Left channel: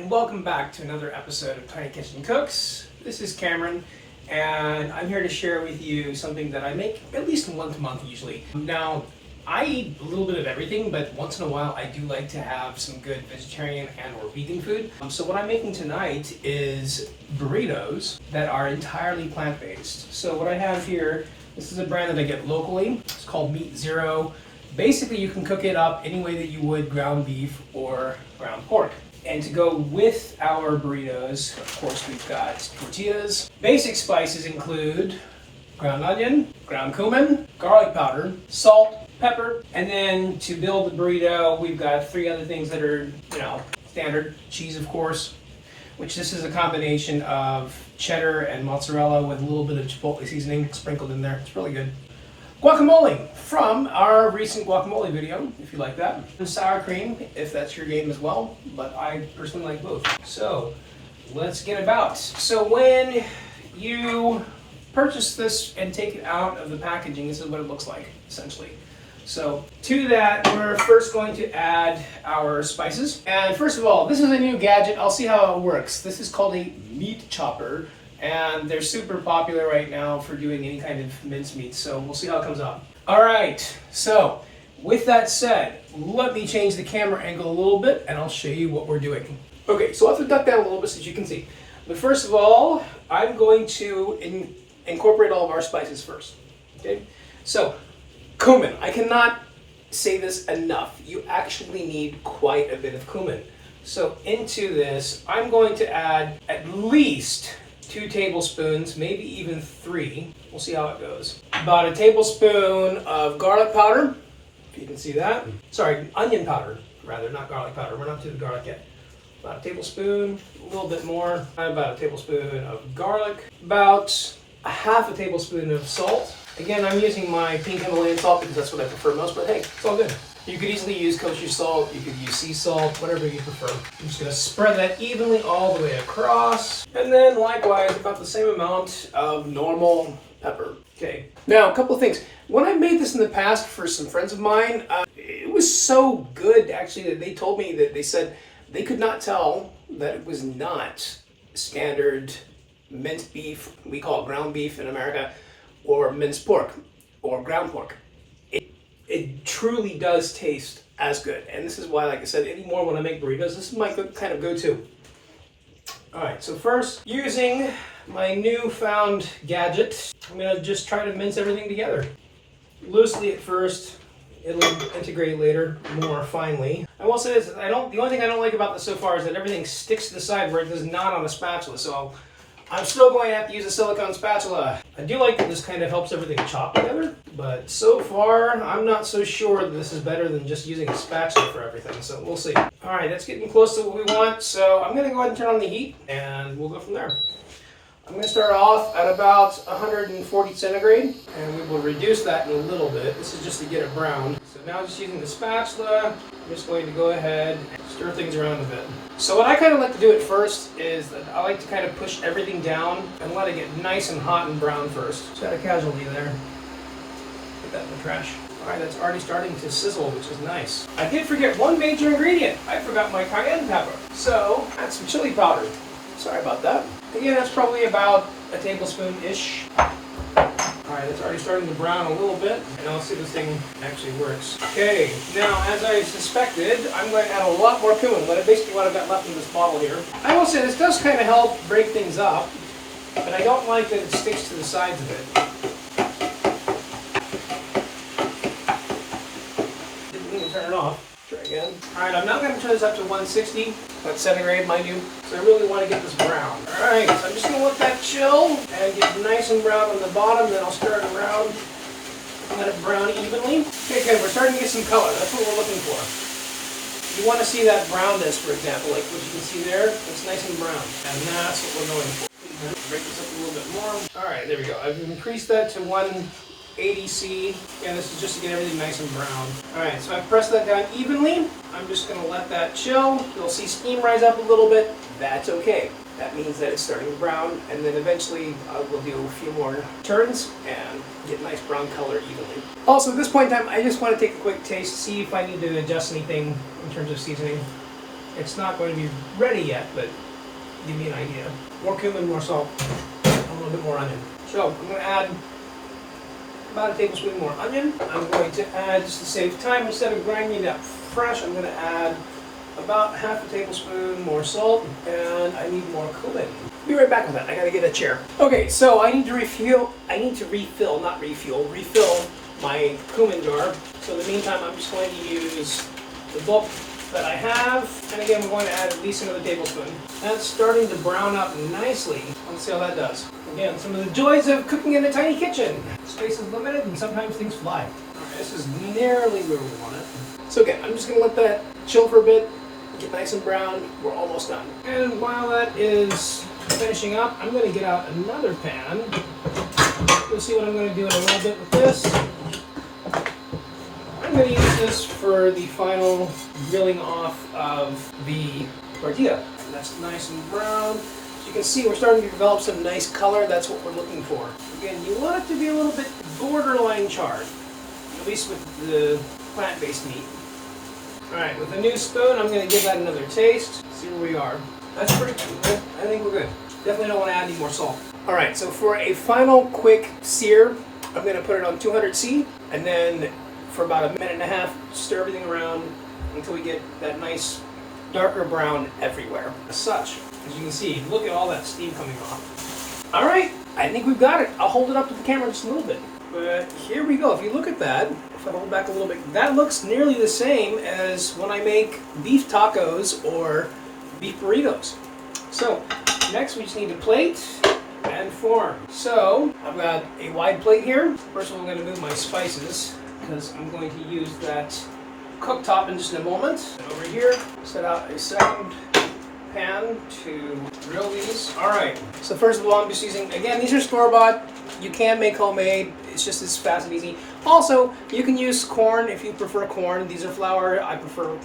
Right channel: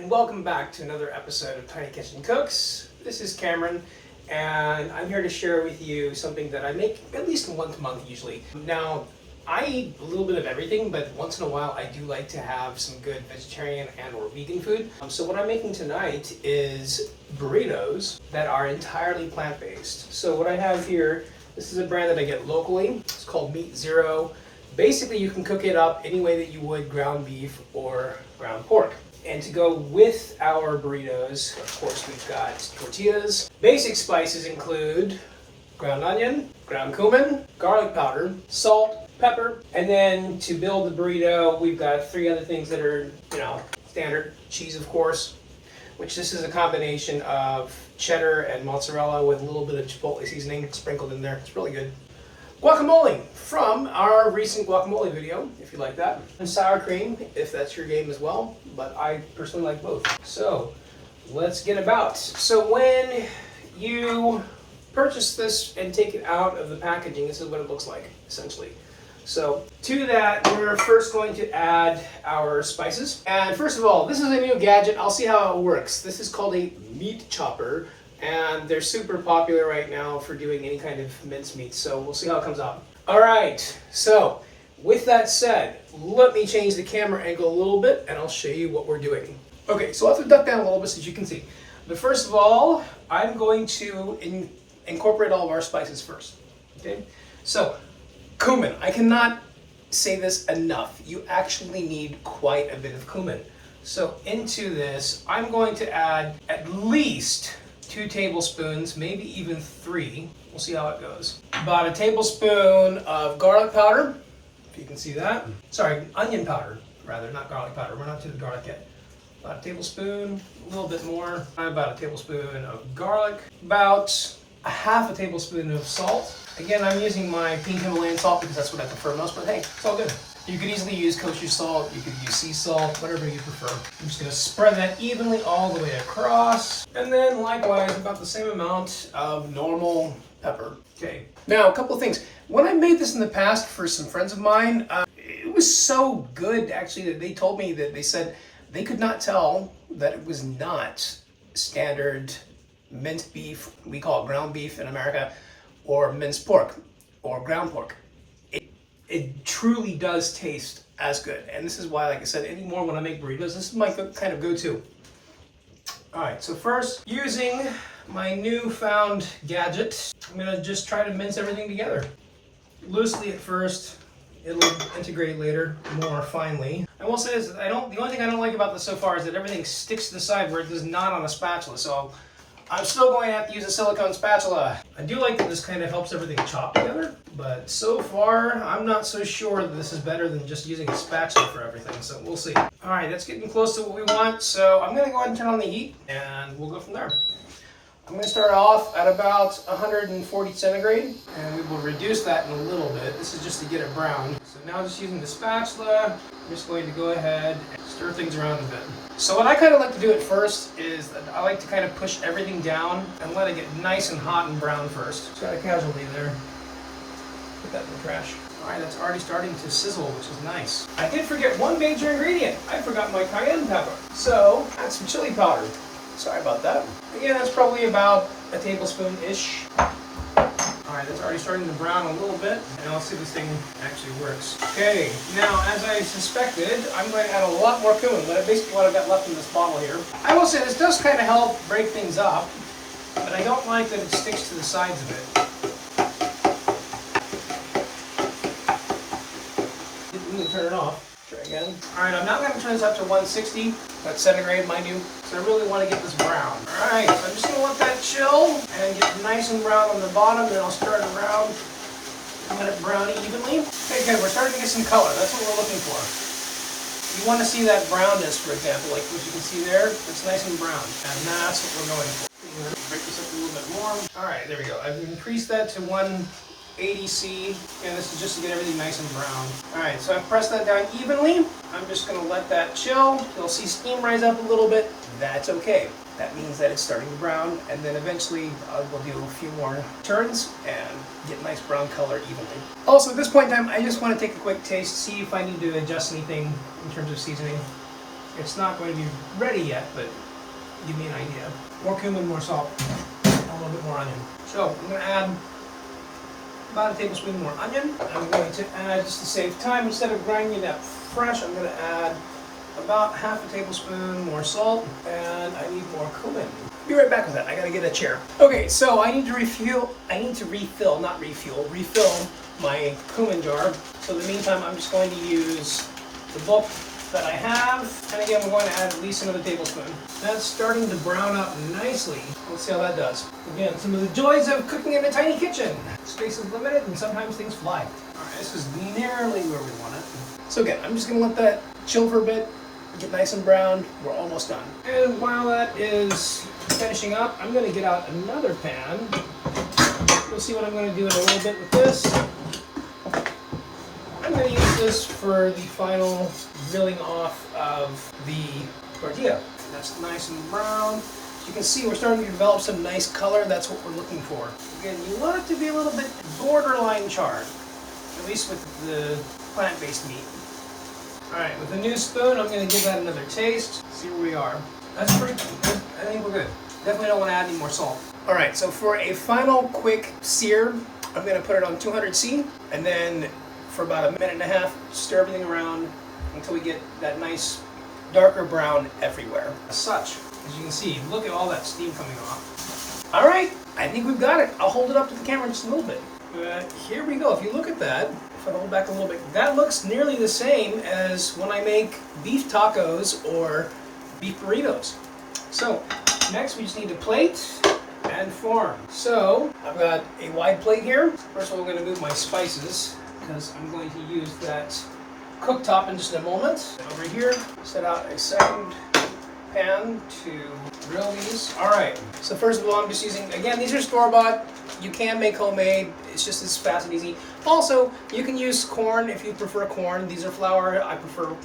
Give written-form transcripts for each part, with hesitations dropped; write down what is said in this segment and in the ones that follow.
and welcome back to another episode of Tiny Kitchen Cooks. This is Cameron, and I'm here to share with you something that I make at least once a month usually. Now, I eat a little bit of everything, but once in a while I do like to have some good vegetarian and or vegan food. So what I'm making tonight is burritos that are entirely plant-based. So what I have here, this is a brand that I get locally. It's called Meat Zero. Basically, you can cook it up any way that you would ground beef or ground pork. And to go with our burritos, of course, we've got tortillas. Basic spices include ground onion, ground cumin, garlic powder, salt, pepper, and then to build the burrito, we've got three other things that are, standard. Cheese, of course, which this is a combination of cheddar and mozzarella with a little bit of chipotle seasoning sprinkled in there. It's really good. Guacamole from our recent guacamole video, if you like that. And sour cream, if that's your game as well, but I personally like both. So let's get about. So when you purchase this and take it out of the packaging, this is what it looks like, essentially. So to that, we're first going to add our spices. And first of all, this is a new gadget. I'll see how it works. This is called a meat chopper. And they're super popular right now for doing any kind of mincemeat, so we'll see how it comes out. All right, so with that said, let me change the camera angle a little bit and I'll show you what we're doing. Okay, so I'll have to duck down a little bit so that you can see. But first of all, I'm going to incorporate all of our spices first. Okay, so cumin. I cannot say this enough. You actually need quite a bit of cumin. So into this, I'm going to add at least 2 tablespoons, maybe even 3. We'll see how it goes. About a tablespoon of garlic powder, if you can see that. Sorry, onion powder, rather, not garlic powder. We're not to the garlic yet. About a tablespoon, a little bit more. About a tablespoon of garlic. About a half a tablespoon of salt. Again, I'm using my pink Himalayan salt because that's what I prefer most, but hey, it's all good. You could easily use kosher salt, you could use sea salt, whatever you prefer. I'm just gonna spread that evenly all the way across. And then likewise, about the same amount of normal pepper. Okay. Now, a couple of things. When I made this in the past for some friends of mine, it was so good actually that they told me that they said they could not tell that it was not standard minced beef, we call it ground beef in America, or minced pork, or ground pork. It truly does taste as good. And this is why, like I said, anymore when I make burritos, this is my kind of go-to. All right, so first, using my newfound gadget, I'm gonna just try to mince everything together. Loosely at first, it'll integrate later more finely. I will say this, the only thing I don't like about this so far is that everything sticks to the side where it does not on a spatula. So I'm still going to have to use a silicone spatula. I do like that this kind of helps everything chop together, but so far I'm not so sure that this is better than just using a spatula for everything, so we'll see. All right, that's getting close to what we want, so I'm going to go ahead and turn on the heat and we'll go from there. I'm going to start off at about 140 centigrade, and we will reduce that in a little bit. This is just to get it brown. So now just using the spatula, I'm just going to go ahead and stir things around a bit. So what I kind of like to do at first is that I like to kind of push everything down and let it get nice and hot and brown first. Just got a casualty there. Put that in the trash. All right, that's already starting to sizzle, which is nice. I did forget one major ingredient. I forgot my cayenne pepper. So add some chili powder. Sorry about that. Again, that's probably about a tablespoon-ish. All right, it's already starting to brown a little bit, and I'll see if this thing actually works. Okay, now as I suspected, I'm going to add a lot more cumin, but basically what I've got left in this bottle here. I will say this does kind of help break things up, but I don't like that it sticks to the sides of it. Didn't even turn it off. Try again. All right, I'm now going to turn this up to 160. That's centigrade, mind you. So I really want to get this brown. All right, so I'm just going to let that chill and get nice and brown on the bottom. Then I'll stir it around and let it brown evenly. Okay, good. We're starting to get some color. That's what we're looking for. You want to see that brownness, for example, like what you can see there. It's nice and brown, and that's what we're going for. Break this up a little bit more. All right, there we go. I've increased that to 180°, and this is just to get everything nice and brown. All right, so I've pressed that down evenly. I'm just going to let that chill. You'll see steam rise up a little bit. That's okay. That means that it's starting to brown, and then eventually we'll do a few more turns and get nice brown color evenly. Also, at this point in time, I just want to take a quick taste, see if I need to adjust anything in terms of seasoning. It's not going to be ready yet, but give me an idea. More cumin, more salt, a little bit more onion. So I'm going to add about a tablespoon more onion. I'm going to add, just to save time, instead of grinding it up fresh, I'm going to add about half a tablespoon more salt, and I need more cumin. Be right back with that. I gotta get a chair. Okay, so I need to refill my cumin jar. So in the meantime, I'm just going to use the bulk that I have, and again, we're going to add at least another tablespoon. That's starting to brown up nicely. Let's see how that does. Again, some of the joys of cooking in a tiny kitchen. Space is limited, and sometimes things fly. All right, this is nearly where we want it. So again, I'm just gonna let that chill for a bit, get nice and brown. We're almost done. And while that is finishing up, I'm going to get out another pan. You'll see what I'm going to do in a little bit with this. I'm going to use this for the final grilling off of the tortilla. And that's nice and brown. As you can see, we're starting to develop some nice color. That's what we're looking for. Again, you want it to be a little bit borderline charred, at least with the plant-based meat. Alright, with a new spoon, I'm going to give that another taste. See where we are. That's pretty good. I think we're good. Definitely don't want to add any more salt. Alright, so for a final quick sear, I'm going to put it on 200°C, and then for about a minute and a half, stir everything around until we get that nice darker brown everywhere. As such, as you can see, look at all that steam coming off. Alright, I think we've got it. I'll hold it up to the camera just a little bit. But here we go. If you look at that, if I hold back a little bit, that looks nearly the same as when I make beef tacos or beef burritos. So next we just need a plate and form. So I've got a wide plate here. First of all, I'm going to move my spices because I'm going to use that cooktop in just a moment. And over here, set out a second pan to grill these. Alright, so first of all, I'm just using, again, these are store-bought. You can make homemade. It's just as fast and easy. Also, you can use corn if you prefer corn. These are flour. I prefer,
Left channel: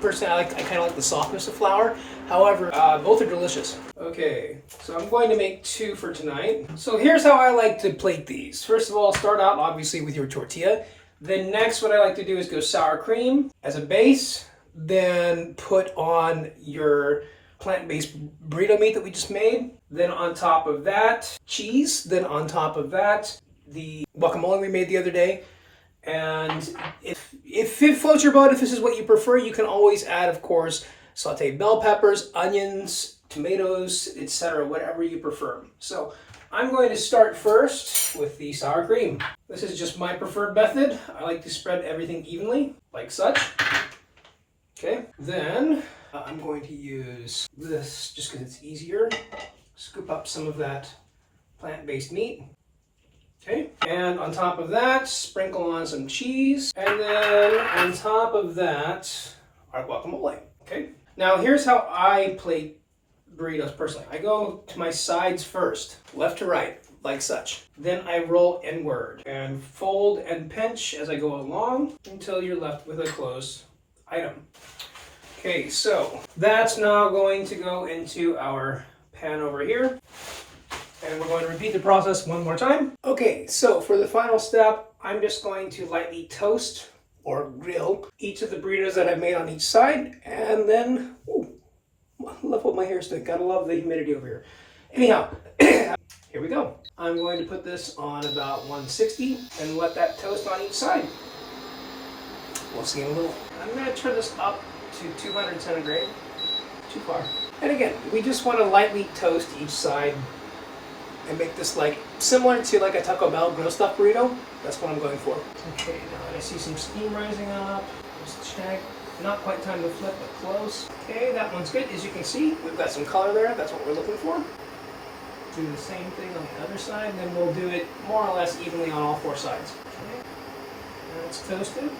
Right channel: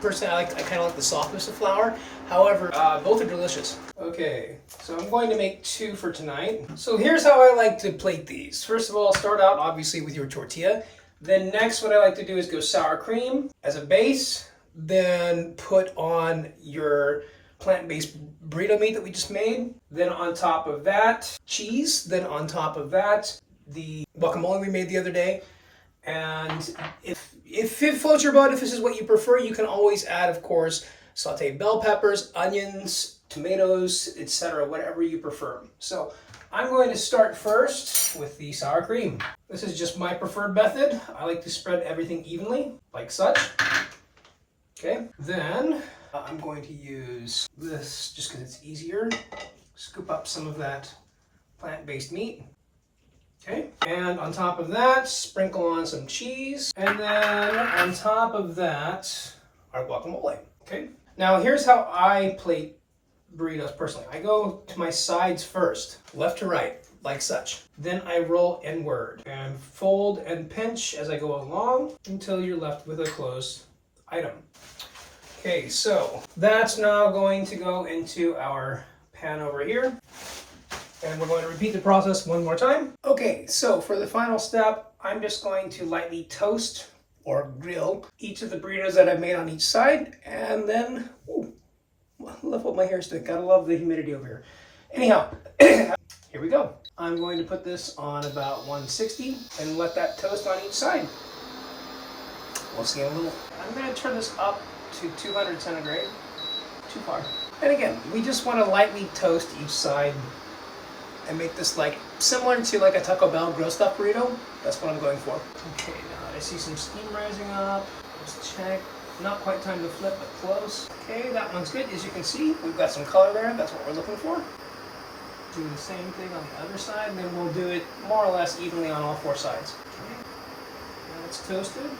personally, I kind of like the softness of flour. However, both are delicious. Okay, so I'm going to make 2 for tonight. So here's how I like to plate these. First of all, start out obviously with your tortilla. Then next, what I like to do is go sour cream as a base. Then put on your plant-based burrito meat that we just made. Then on top of that, cheese. Then on top of that, the guacamole we made the other day. And if it floats your boat, if this is what you prefer, you can always add, of course, sauteed bell peppers, onions, tomatoes, etc., whatever you prefer. So I'm going to start first with the sour cream. This is just my preferred method. I like to spread everything evenly, like such. Okay, then I'm going to use this just because it's easier. Scoop up some of that plant-based meat. Okay, and on top of that, sprinkle on some cheese. And then on top of that, our guacamole. Okay, now here's how I plate burritos personally. I go to my sides first, left to right, like such. Then I roll inward and fold and pinch as I go along until you're left with a closed item. Okay, so that's now going to go into our pan over here. And we're going to repeat the process one more time. Okay, so for the final step, I'm just going to lightly toast or grill each of the burritos that I've made on each side. And then, ooh, I love what my hair's doing. Gotta love the humidity over here. Anyhow, here we go. I'm going to put this on about 160 and let that toast on each side. We'll see in a little. I'm going to turn this up to 200 centigrade. Too far. And again, we just want to lightly toast each side and make this like similar to like a Taco Bell grill stuffed burrito. That's what I'm going for. Okay, now that I see some steam rising up, let's check. Not quite time to flip, but close. Okay, that one's good. As you can see, we've got some color there. That's what we're looking for. Do the same thing on the other side, then we'll do it more or less evenly on all 4 sides. Okay, now it's toasted.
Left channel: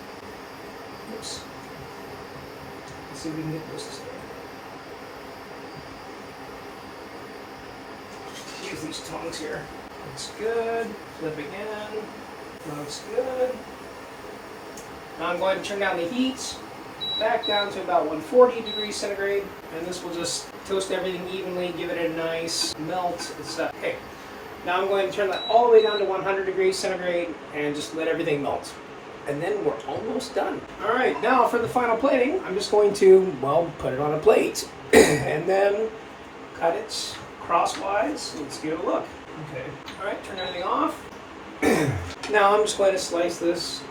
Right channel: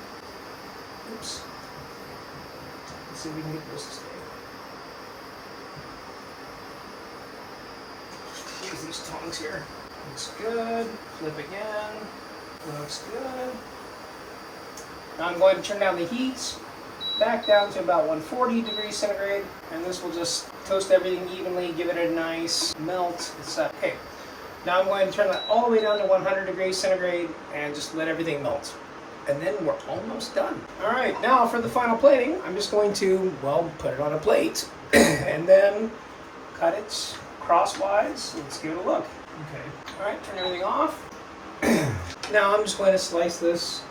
Oops. Let's see if we can get this to stay. Use these tongs here. Looks good. Flip again. Looks good. Now I'm going to turn down the heat back down to about 140 degrees centigrade, and this will just toast everything evenly, give it a nice melt, etc. Okay. Now I'm going to turn that all the way down to 100 degrees centigrade and just let everything melt. and then we're almost done. All right, now for the final plating, I'm just going to, well, put it on a plate and then cut it crosswise. Let's give it a look. Okay. All right, turn everything off. Now I'm just going to slice this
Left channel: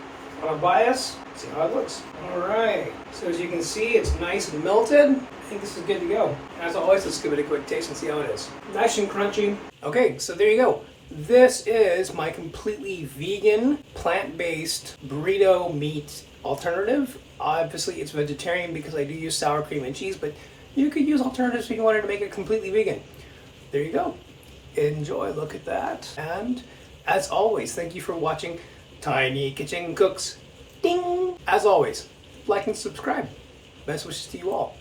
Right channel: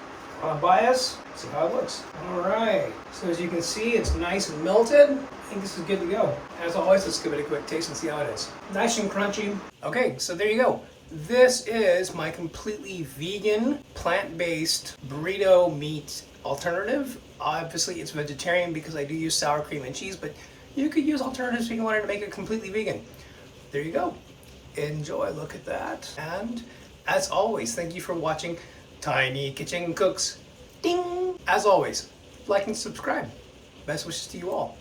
on a bias, see how it looks. All right, so as you can see, it's nice and melted. I think this is good to go. As always, let's give it a quick taste and see how it is. Nice and crunchy. Okay, so there you go. This is my completely vegan, plant-based burrito meat alternative. Obviously, it's vegetarian because I do use sour cream and cheese, but you could use alternatives if you wanted to make it completely vegan. There you go. Enjoy, look at that. And as always, thank you for watching Tiny Kitchen Cooks. Ding! As always, like and subscribe. Best wishes to you all.